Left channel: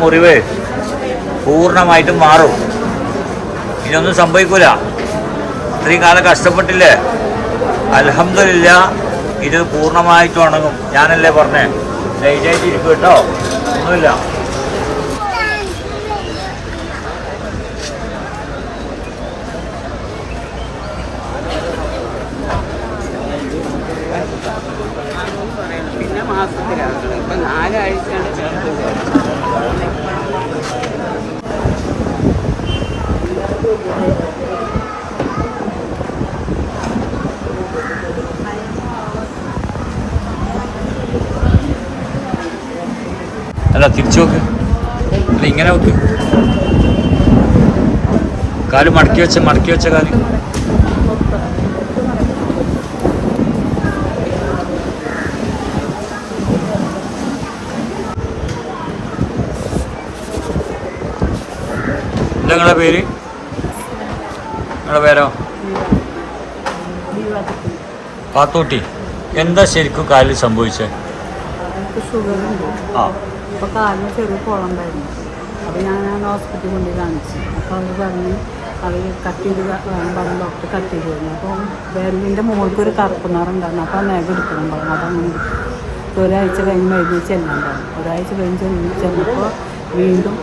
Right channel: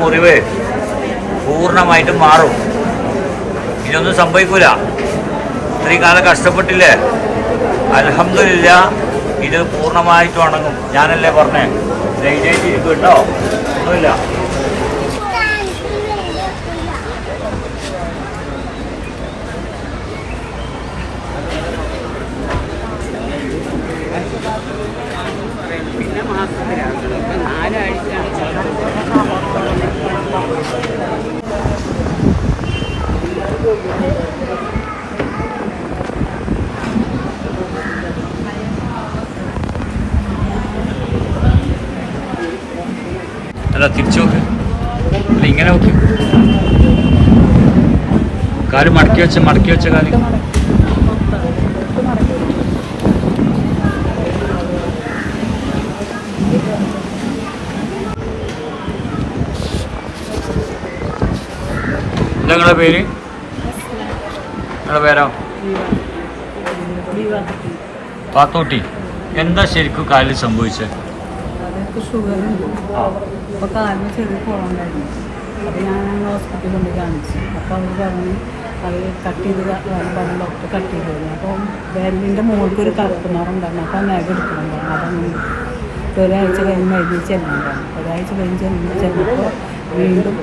മുറിവ് പൂർണമായിട്ടും മാറും. ഇതൊന്നും സംഭവിക്കൂല. ഇത്രയും കാലം കഷ്ടപ്പെട്ടില്ലേ? അലഹമില്ല ഇത് പൂർണമായിട്ടും ഉണങ്ങും. ഞാനല്ലേ പറഞ്ഞേ? ലൈറ്റായിട്ട് ഇരിക്കും കേട്ടോ. ഒന്നുമില്ല. അല്ല തിരിച്ചു നോക്ക്. അല്ല ഇങ്ങനെ നോക്ക്. കാൽ മടക്കി വെച്ച മടക്കി വെച്ച കാൽ. എന്താ നിങ്ങളെ പേര്? നിങ്ങളെ പേരോ? പാത്തോട്ടി. എന്താ ശരിക്കും കാലിൽ സംഭവിച്ചത്? ആ. അപ്പോൾ കാലിന് ചെറിയ കുളമുണ്ടായിരുന്നു അപ്പോൾ ഞാൻ ഹോസ്പിറ്റലിൽ കൊണ്ട് കാണിച്ചു. അപ്പോൾ അവർ പറഞ്ഞ് അത് കട്ട് ചെയ്ത് പറഞ്ഞു ഡോക്ടർ കട്ട് ചെയ്ത് തരുന്നു അപ്പോൾ വേലിന്റെ മുകൾക്ക് ഒരു കറുപ്പ് നിറം അപ്പോൾ നഖ എടുക്കുന്നുണ്ടായിരുന്നു. അതങ്ങനെ ഒരാഴ്ച കഴിഞ്ഞ് മരുന്ന് ചെല്ലുന്നുണ്ടായിരുന്നു. ഒരാഴ്ച കഴിഞ്ഞ് ചെന്ന് ചെന്നപ്പോൾ വീണ്ടും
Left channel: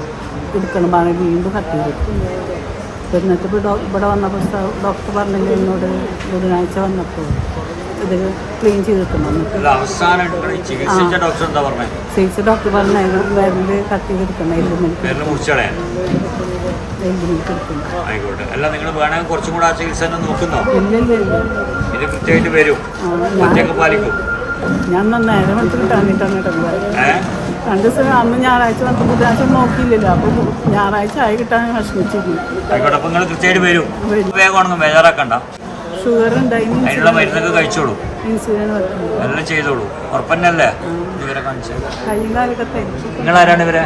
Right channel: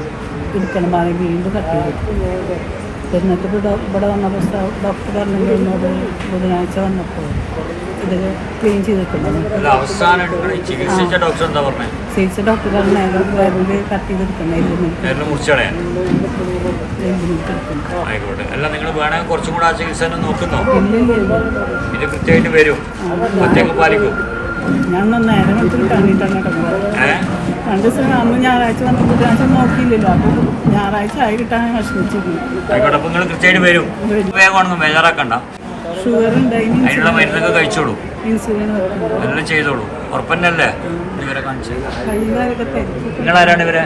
എടുക്കണം പറഞ്ഞ് വീണ്ടും കട്ട് ചെയ്ത് എന്നിട്ട് ഇവിടെ വന്നപ്പോൾ ഡോക്ടർ പറഞ്ഞില്ലേ എന്നോട് ബുധനാഴ്ച വന്നപ്പോൾ ഇത് ക്ലീൻ ചെയ്ത് ചികിത്സിച്ച ഡോക്ടർ പറഞ്ഞു? വിരൽ കട്ട് എടുക്കണം ചികിത്സ ആ, ഞാൻ നേരെ മനസ്സിൽ കിട്ടാണ്ടിട്ടാണ് രണ്ട് ദിവസം അന്ന് ഞായറാഴ്ച വന്ന് ബുധനാഴ്ച നോക്കിയില്ലല്ലോ അപ്പൊ ഞായറാഴ്ച ആയി കിട്ടാൻ വിഷമിച്ചിരുന്നു വരും. വേഗം ഉണങ്ങും ബേജാറാക്കണ്ട. ഷുഗർ അതിനുള്ള മരുന്നൊക്കെ കഴിച്ചോളൂ. എല്ലാം ചെയ്തോളൂ. ഉറപ്പന്നല്ലേ? ഇവരെ കാണിച്ചത്. നിങ്ങൾ ആരാണ് ഇവരെ?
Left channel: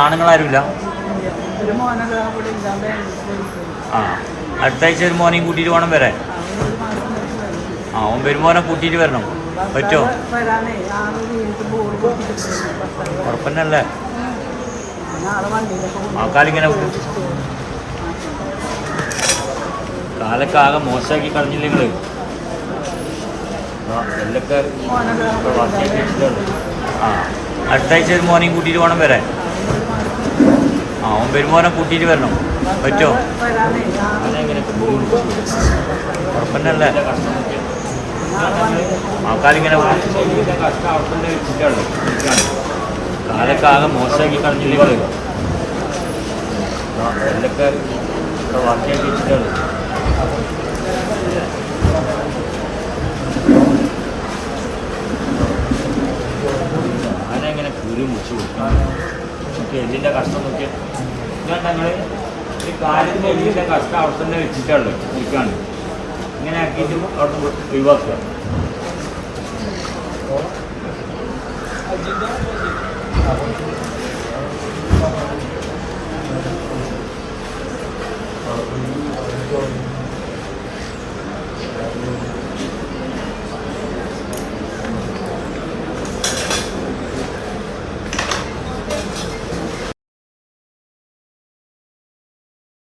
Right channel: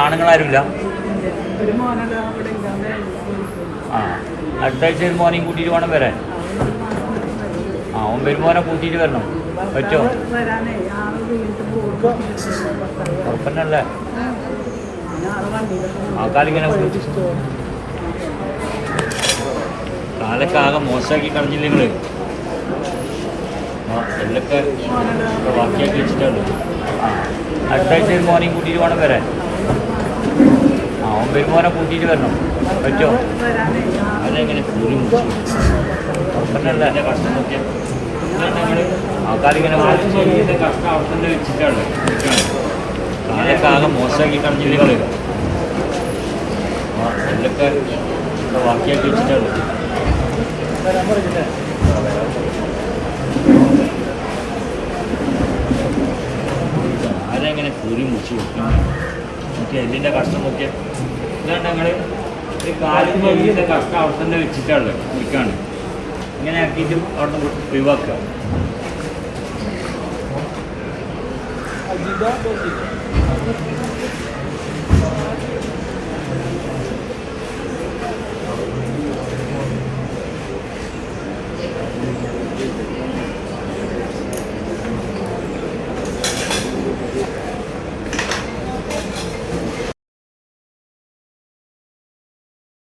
ആണുങ്ങൾ ആരുമില്ല? ആണുങ്ങളാരുമില്ല ഒരു അവിടെ ഇല്ലാണ്ട് ആ അടുത്ത ആഴ്ച ഒരു മോനെയും കൂട്ടിയിട്ട് വേണം വരാൻ ആ ഓൻ വരുമോനെ കൂട്ടിയിട്ട് വരണം. പറ്റുമോ? ഭർത്താവ് ഉറപ്പന്നല്ലേ? നാളെ കാലൊക്കെ ആകെ മോശമാക്കി കളഞ്ഞില്ല നിങ്ങൾ എല്ലൊക്കെ ആഴ്ച ഒരു മോനെയും കൂട്ടിയിട്ട് വേണം വരാൻ. ആ അവൻ വരുമോനെ കൂട്ടിയിട്ട് വരണം. വരാനേ അതെങ്ങനെ? ഉറപ്പന്നല്ലേ ആ കാലിങ്ങനെ കഷ്ടം അവിടെ തന്നെ വെച്ചിട്ടാണോ. കാലൊക്കെ ആകെ മോശമാക്കി കളഞ്ഞില്ല നിങ്ങൾ എല്ലൊക്കെ വാർത്തയാക്കി വെച്ചിട്ടാണ്. ആരെങ്ങനെ കൂടി മുറിച്ച് വെക്കണം. നമുക്ക് എല്ലിന്റെ കഷ്ടം നോക്കിയാൽ ഇതാണ് ഞങ്ങൾ ഒരു കാലിന്റെ എല്ലിന്റെ കഷ്ടം അവിടെ തന്നെ വെച്ചിട്ടുള്ളത് മുറിക്കാണ്. ഇങ്ങനെ ആക്കിയിട്ട് അവിടെ നിന്ന് ഒഴിവാക്കുക.